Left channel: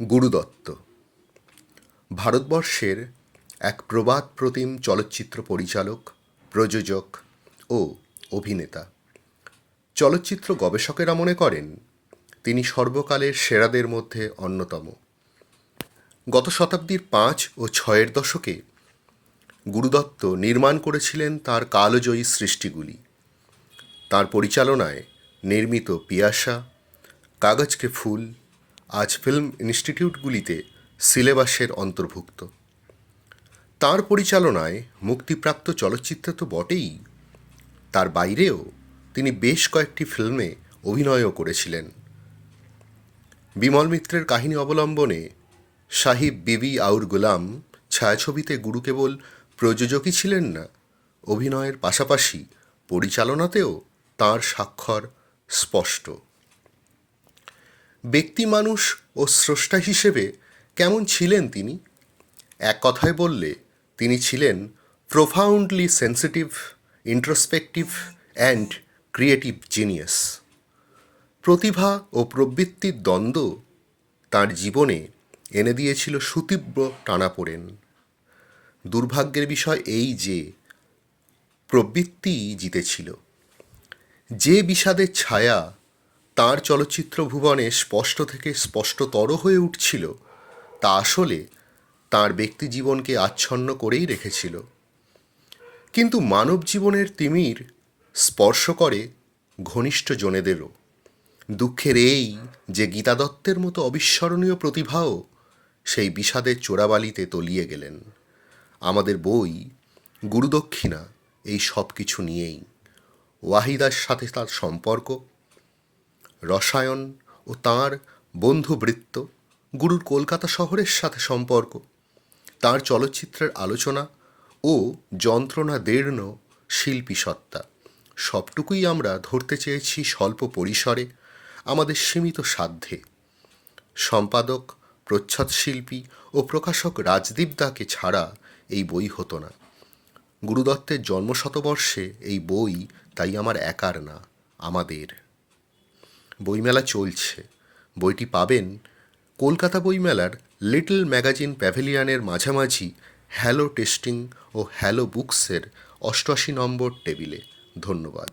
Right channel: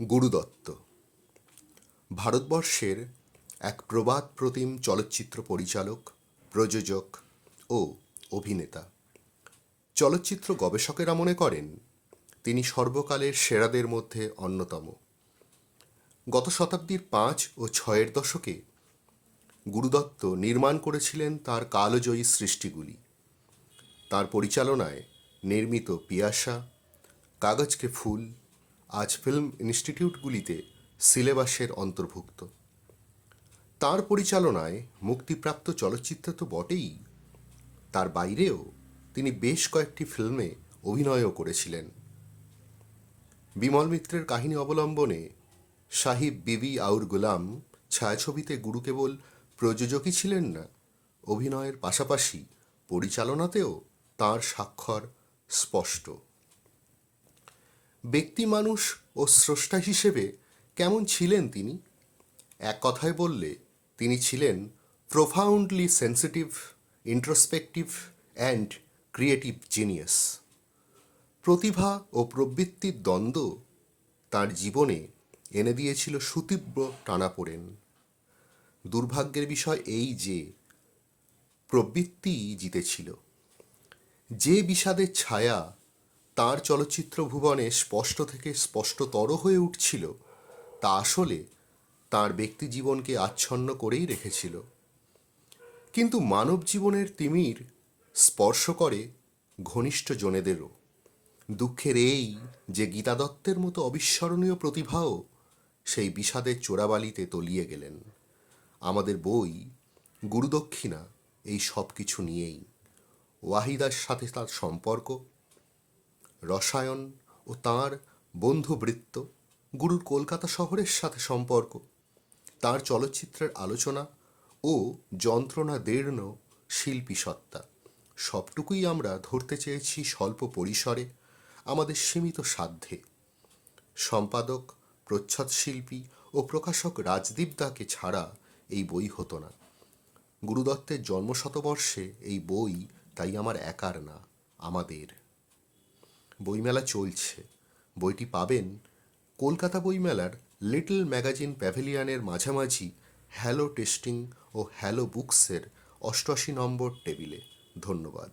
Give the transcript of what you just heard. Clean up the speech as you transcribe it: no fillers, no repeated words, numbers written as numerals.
গুরুদত্ত ভারতবর্ষের এক প্রবাদ প্রতিম চলচ্চিত্র পরিচালক, প্রযোজক ও অভিনেতা। চলচ্চিত্র গবেষকেরা মনে করেন তিনি সর্বকালের সেরাদের মধ্যে অন্যতম। গত শতাব্দীর ৫ ও ৬-এর দশকে গুরুদত্ত নির্মাণ করেছিলেন তার কালজয়ী সৃষ্টিগুলি। তার পরিচালনায় নির্মিত পিয়াসা, কাগজ কে ফুল আজ ফিল্ম ইনস্টিটিউটগুলিতে সিলেবাসের অন্তর্ভুক্ত। তার পরিচালনায় মুক্তিপ্রাপ্ত চলচ্চিত্র তো বটেই, তার বাইরেও তিনি বেশ কয়েকটি ফিল্মে অভিনয়ও করেছিলেন। বিমল মিত্রের কাহিনী অবলম্বনে সাহিব বিবি আউর গুলাম ছায়াছবিতে গুরু কেবল প্রযোজকই ছিলেন না, অভিনয়ের পাশাপাশি পরিচালনাতেও তাঁর স্বাক্ষর স্পষ্ট। ব্যক্তি মানুষ ও স্রষ্টা হিসেবে কেমন ছিলেন তিনি? এক কথায় বললে তিনি ছিলেন প্রোফাউন্ডলি সেন্সিটিভ, ইন্ট্রোস্পেকটিভ অ্যান্ড ক্রিয়েটিভ জিনিয়াস। প্রতিভা ও প্রবৃত্তির দ্বন্দ্ব তাঁর জীবনে এনে দিয়েছিল সুতীব্র টানাপোড়েন। দুর্ভাগ্যের বিষয় এই যে প্রবৃত্তিই জিতেছিল। যে বিষাদের ছায়া তাঁর চলচ্চিত্র ভুবনে স্পষ্ট থেকে স্পষ্টতর হয়ে উঠছিল, তা আসলে তাঁর ব্যক্তি জীবনকে আচ্ছন্ন করেই রেখেছিল। কিন্তু মানব জীবনের তিমির স্পর্শ করে ঘনিষ্ঠ জনেদেরও। দুঃখের এই যে গীতা দত্তের মতো অবিস্মরণীয় প্রতিভাও সেই বিষাদের চোরাবালিতে তলিয়ে গেলেন। আমাদের বই গুরুদক্ষিণা এই সব কিছু নিয়েই। ওয়াহিদার সাথে তার সম্পর্ক, রসায়ন ও তাঁর বন্ধুবৃত্ত, গুরুর কলকাতা শহরের সাথে সম্পর্ক, তাঁর চলচ্চিত্রের আলোচনা ও যন্ত্রণা দীর্ণ শিল্পী সত্তা, সবটুকুই আমরা ধরতে চেয়েছি স্বল্প পরিসরে, আমাদের সীমিত সাধ্যে। সম্পাদক, প্রচ্ছদশিল্পী ও প্রকাশক রাজদীপ দাকে ছাড়া এই বই হতো না। গুরুদত্তের জন্মশতবর্ষে এই বই তাই আমার একার না, আমাদের। বইমেলা চলছে। বইটি পাবেন কলকাতা বইমেলার লিটল ম্যাগাজিন প্যাভিলিয়নের মাঝামাঝি হ্যালো টেস্টিং ও হ্যালো বুকসের ৮৮ নম্বর টেবিলে। ধন্যবাদ।